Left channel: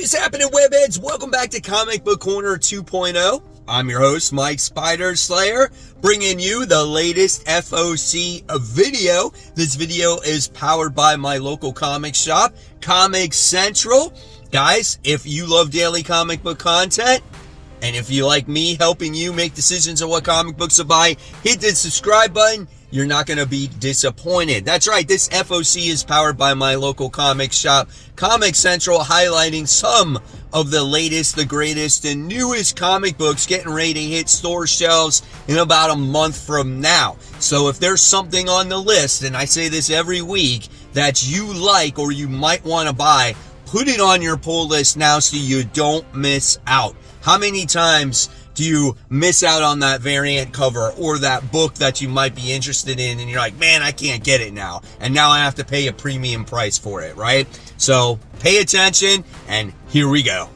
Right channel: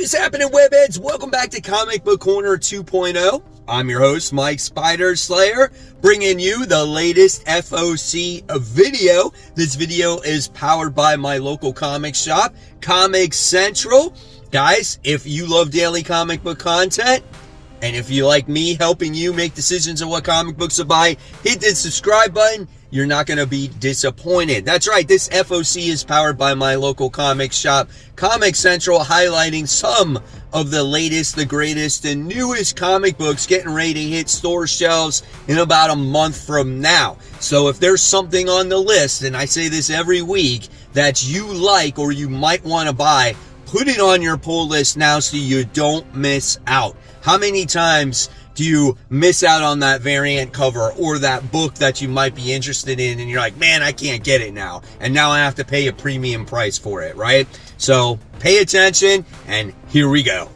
What is happening, webheads? Welcome back to Comic Book Corner 2.0. I'm your host, Mike Spider Slayer, bringing you the latest FOC video. This video is powered by my local comic shop, Comic Central. Guys, if you love daily comic book content, and if you like me helping you make decisions on what comic books to buy, hit the subscribe button. You're not going to be disappointed. That's right, this FOC is powered by my local comic shop, Comic Central, highlighting some of the latest, the greatest, and newest comic books getting ready to hit store shelves in about a month from now. So if there's something on the list, and I say this every week, that you like or you might want to buy, put it on your pull list now so you don't miss out. How many times do you miss out on that variant cover or that book that you might be interested in and you're like, man, I can't get it now, and now I have to pay a premium price for it, right? So pay attention, and here we go.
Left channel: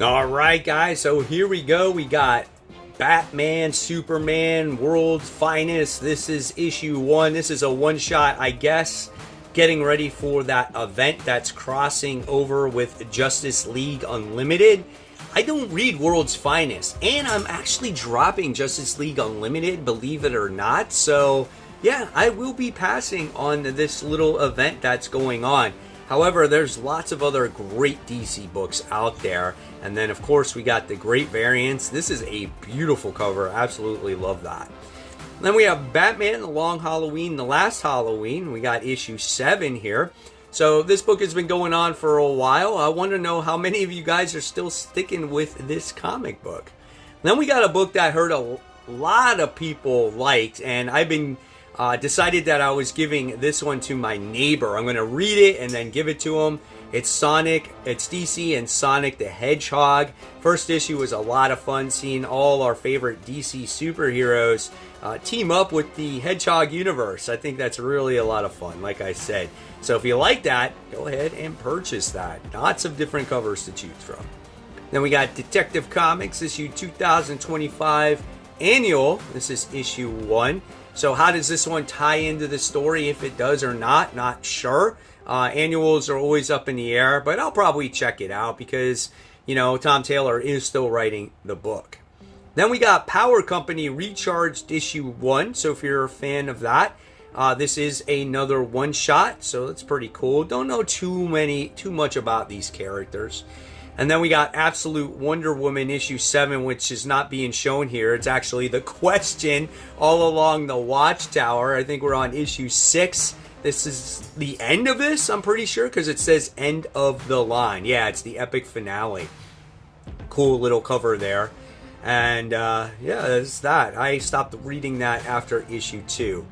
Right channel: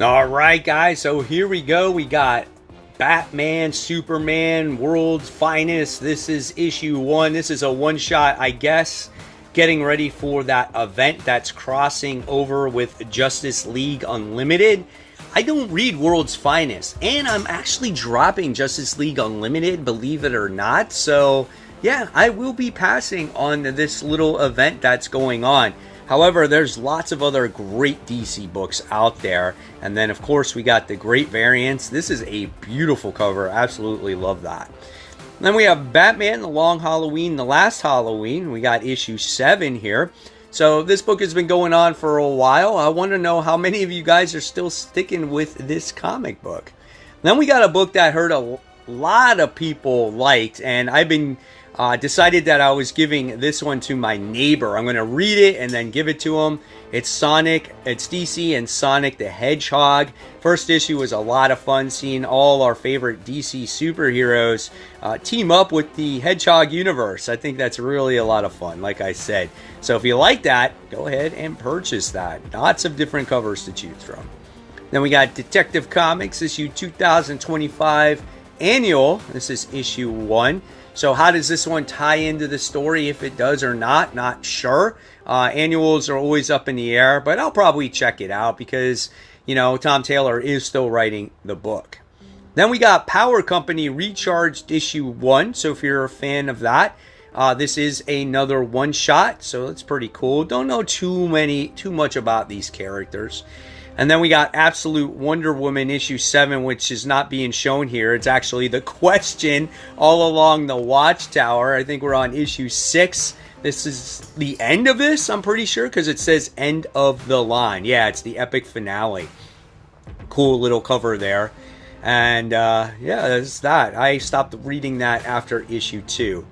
All right, guys, so here we go. We got Batman, Superman, World's Finest. This is issue 1. This is a one-shot, I guess, getting ready for that event that's crossing over with Justice League Unlimited. I don't read World's Finest, and I'm actually dropping Justice League Unlimited, believe it or not. So yeah, I will be passing on this little event that's going on. However, there's lots of other great DC books out there. And then, of course, we got the great variants. This is a beautiful cover. Absolutely love that. Then we have Batman, The Long Halloween, The Last Halloween. We got issue 7 here. So this book has been going on for a while. I want to know how many of you guys are still sticking with this comic book. Then we got a book that I heard a lot of people liked, and I've been decided that I was giving this one to my neighbor. I'm going to read it and then give it to him. It's DC and Sonic the Hedgehog. First issue was a lot of fun, seeing all our favorite DC superheroes team up with the Hedgehog universe. I think that's really a lot of fun, like I said. So if you like that, go ahead and purchase that. Lots of different covers to choose from. Then we got Detective Comics issue 2025 annual. This is issue 1. So how does this one tie into the story, if it does or not sure. Annuals are always up in the air, but I'll probably check it out because, you know, Tom Taylor is still writing the book. Then we got Power Company Recharged issue 1. So if you're a fan of that, this is another one shot, so that's pretty cool. Don't know too much about these characters. And then we got Absolute Wonder Woman issue 7, which is not being shown here. It's actually the question all along the Watchtower. I think we're on issue 6. This is the end of this, I'm pretty sure, because it says end of the line. Yeah, it's the epic finale. Cool little cover there. And yeah, that's that. I stopped reading that after issue 2.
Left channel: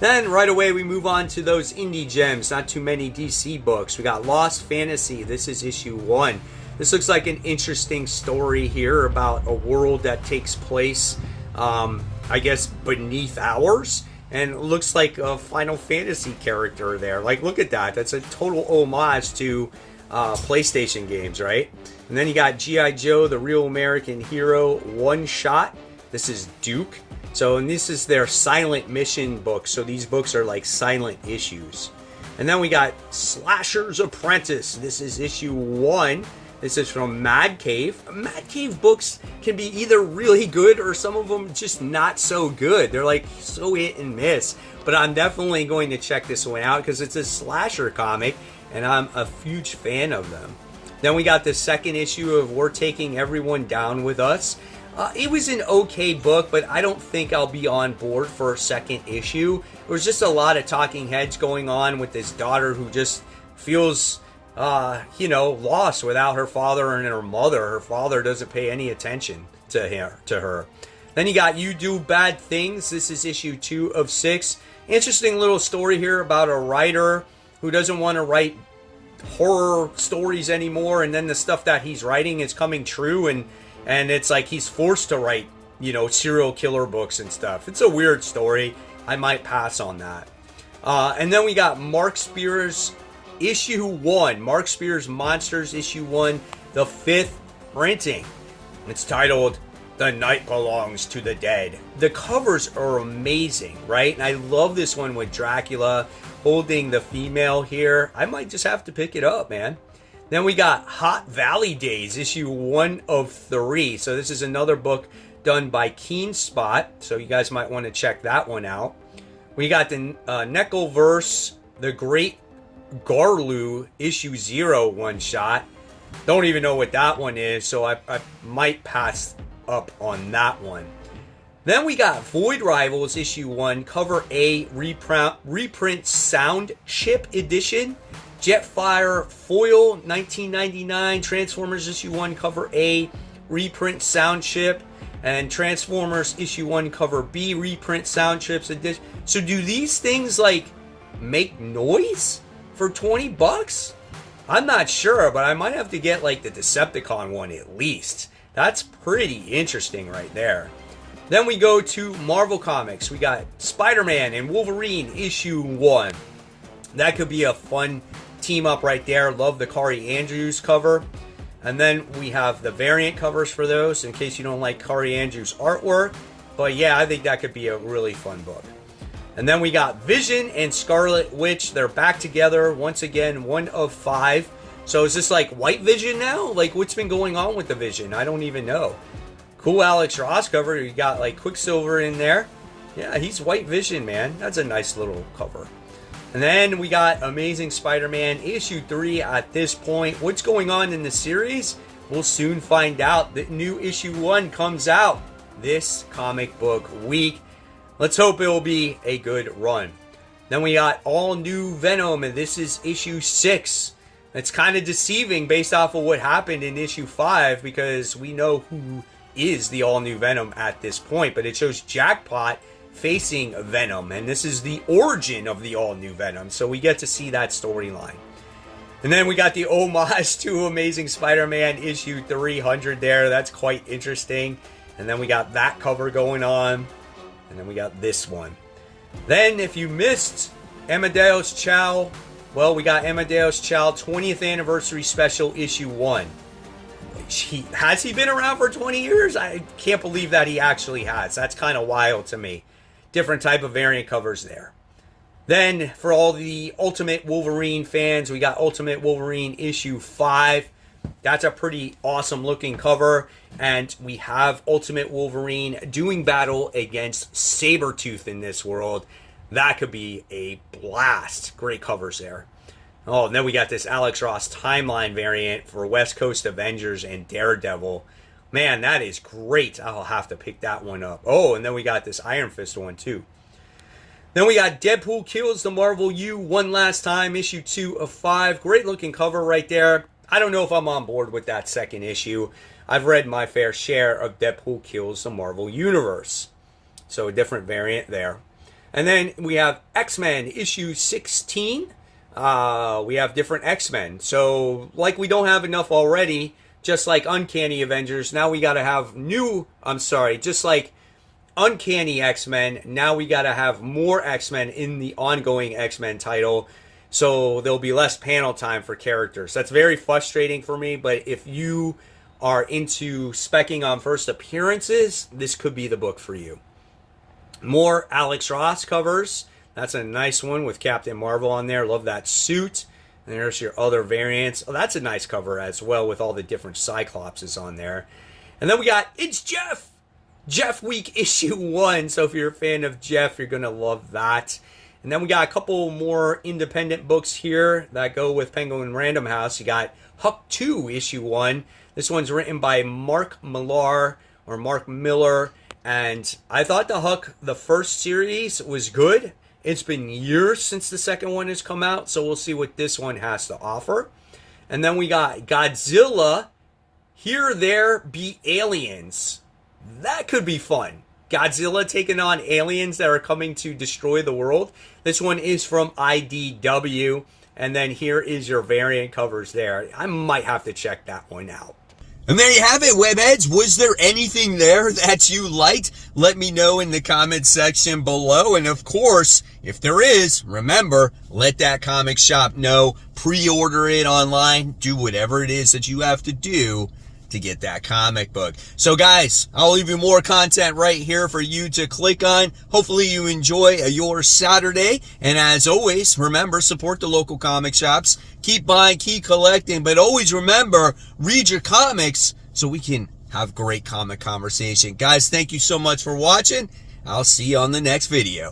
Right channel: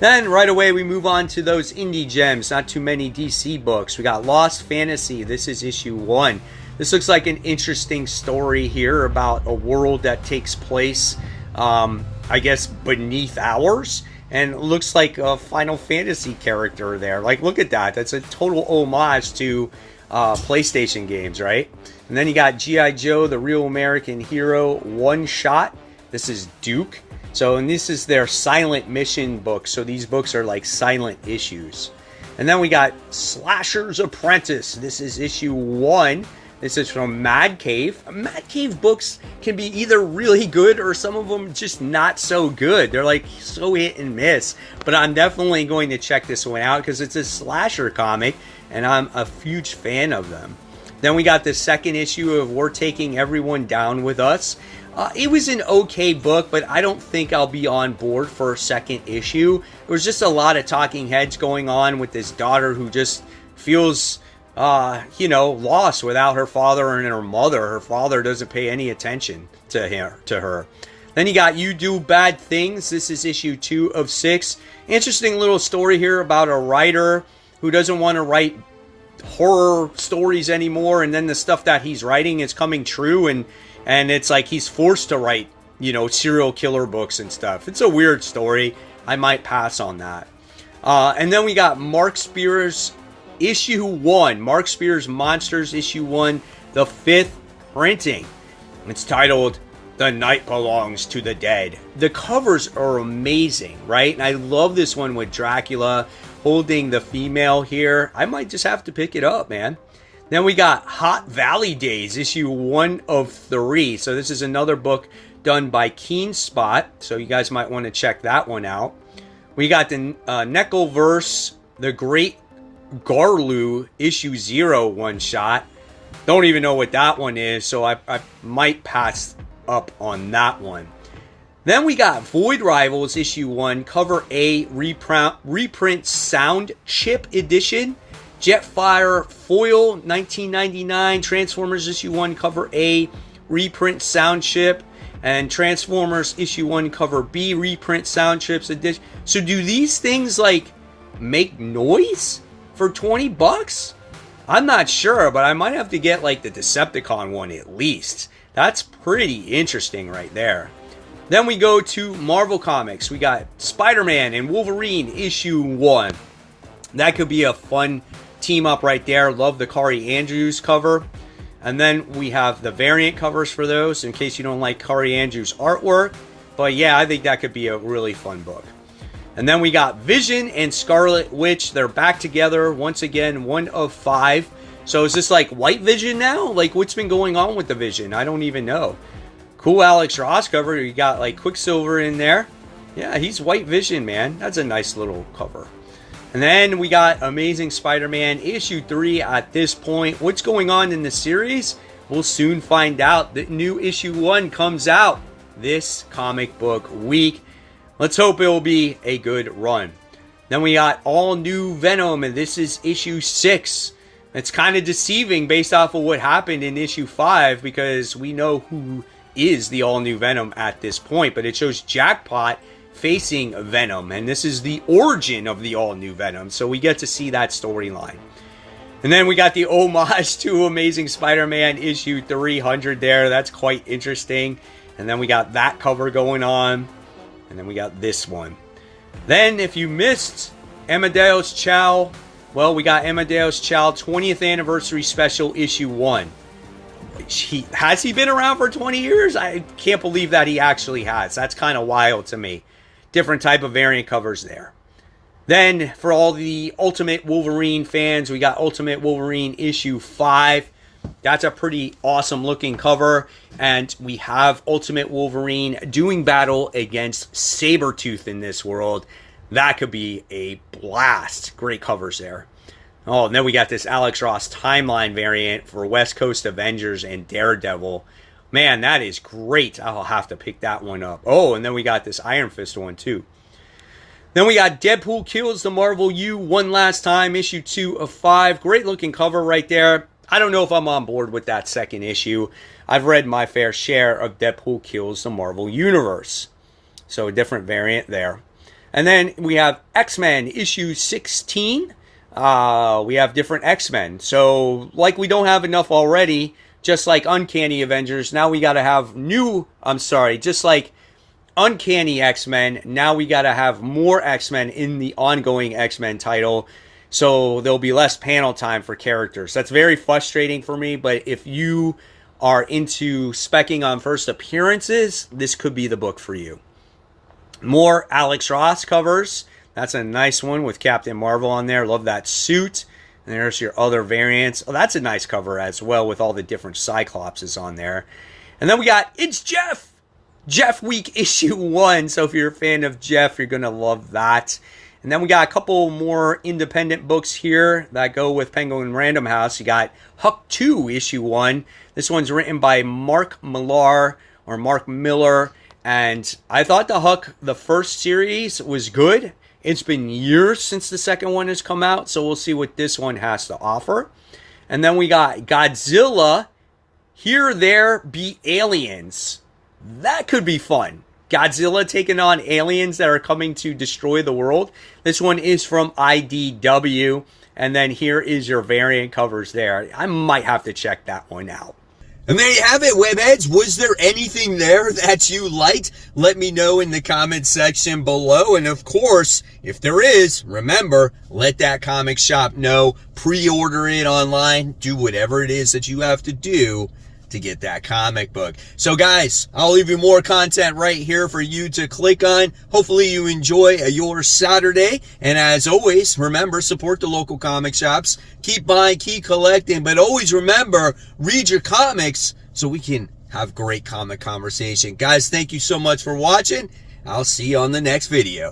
Then right away we move on to those indie gems. Not too many DC books. We got Lost Fantasy. This is issue 1. This looks like an interesting story here about a world that takes place, I guess, beneath ours. And it looks like a Final Fantasy character there. Like, look at that. That's a total homage to PlayStation games, right? And then you got G.I. Joe, The Real American Hero, one shot. This is Duke. So, and this is their silent mission book. So these books are like silent issues. And then we got Slasher's Apprentice. This is issue 1. This is from Mad Cave. Mad Cave books can be either really good or some of them just not so good. They're like so hit and miss. But I'm definitely going to check this one out because it's a slasher comic and I'm a huge fan of them. Then we got the second issue of We're Taking Everyone Down With Us. It was an okay book, but I don't think I'll be on board for a second issue. There was just a lot of talking heads going on with this daughter who just feels, lost without her father and her mother. Her father doesn't pay any attention to her. Then you got You Do Bad Things. This is issue 2 of 6. Interesting little story here about a writer who doesn't want to write horror stories anymore, and then the stuff that he's writing is coming true, and it's like he's forced to write, serial killer books and stuff. It's a weird story. I might pass on that. And then we got Mark Spears issue 1. Mark Spears Monsters issue 1, the 5th printing. It's titled The Night Belongs to the Dead. The covers are amazing, right? And I love this one with Dracula holding the female here. I might just have to pick it up, man. Then we got Hot Valley Days, issue 1 of 3. So this is another book done by Keen Spot. So you guys might want to check that one out. We got the Neckelverse, The Great Garlu, issue 0 one-shot. Don't even know what that one is, so I might pass up on that one. Then we got Void Rivals, issue 1, cover A, reprint Sound Chip edition. Jetfire Foil, 1999. Transformers issue 1, cover A, reprint Sound Chip. And Transformers issue 1, cover B, reprint Sound Chips edition. So do these things like make noise for $20? I'm not sure, but I might have to get like the Decepticon one at least. That's pretty interesting right there. Then we go to Marvel Comics. We got Spider-Man and Wolverine issue 1. That could be a fun team up right there. Love the Kari Andrews cover. And then we have the variant covers for those in case you don't like Kari Andrews' artwork. But yeah, I think that could be a really fun book. And then we got Vision and Scarlet Witch. They're back together once again, 1 of 5. So is this like White Vision now? Like what's been going on with the Vision? I don't even know. Cool Alex Ross cover. You got like Quicksilver in there. Yeah, he's White Vision, man. That's a nice little cover. And then we got Amazing Spider-Man issue 3 at this point. What's going on in the series? We'll soon find out. The new issue 1 comes out this comic book week. Let's hope it will be a good run. Then we got all new Venom, and this is issue 6. It's kind of deceiving based off of what happened in issue 5 because we know who is the all new Venom at this point, but it shows Jackpot facing Venom, and this is the origin of the all-new Venom, so we get to see that storyline. And then we got the homage to Amazing Spider-Man issue 300 there. That's quite interesting. And then we got that cover going on, and then we got this one. Then, if you missed Amadeus Cho, well, we got Amadeus Cho 20th Anniversary Special issue 1. Has he been around for 20 years? I can't believe that he actually has. That's kind of wild to me. Different type of variant covers there. Then, for all the Ultimate Wolverine fans, we got Ultimate Wolverine issue 5. That's a pretty awesome looking cover. And we have Ultimate Wolverine doing battle against Sabretooth in this world. That could be a blast. Great covers there. Oh, and then we got this Alex Ross timeline variant for West Coast Avengers and Daredevil. Man, that is great. I'll have to pick that one up. Oh, and then we got this Iron Fist one, too. Then we got Deadpool Kills the Marvel U one last time, issue 2 of 5. Great looking cover right there. I don't know if I'm on board with that second issue. I've read my fair share of Deadpool Kills the Marvel Universe. So a different variant there. And then we have X-Men issue 16. We have different X-Men. So, like we don't have enough already, just like Uncanny Avengers, now we got to have just like Uncanny X-Men, now we got to have more X-Men in the ongoing X-Men title, so there'll be less panel time for characters. That's very frustrating for me, but if you are into specking on first appearances, this could be the book for you. More Alex Ross covers. That's a nice one with Captain Marvel on there. Love that suit. And there's your other variants. Oh, that's a nice cover as well with all the different Cyclopses on there. And then we got It's Jeff! Jeff Week issue 1. So if you're a fan of Jeff, you're going to love that. And then we got a couple more independent books here that go with Penguin Random House. You got Huck 2 issue 1. This one's written by Mark Millar. And I thought the first series was good. It's been years since the second one has come out, so we'll see what this one has to offer. And then we got Godzilla, Here There Be Aliens. That could be fun. Godzilla taking on aliens that are coming to destroy the world. This one is from IDW. And then here is your variant covers there. I might have to check that one out. And there you have it, webheads. Was there anything there that you liked? Let me know in the comment section below. And of course, if there is, remember, let that comic shop know. Pre-order it online. Do whatever it is that you have to do to get that comic book. So guys, I'll leave you more content right here for you to click on. Hopefully you enjoy your Saturday. And as always, remember, support the local comic shops. Keep buying, keep collecting, but always remember, read your comics so we can have great comic conversation. Guys, thank you so much for watching. I'll see you on the next video.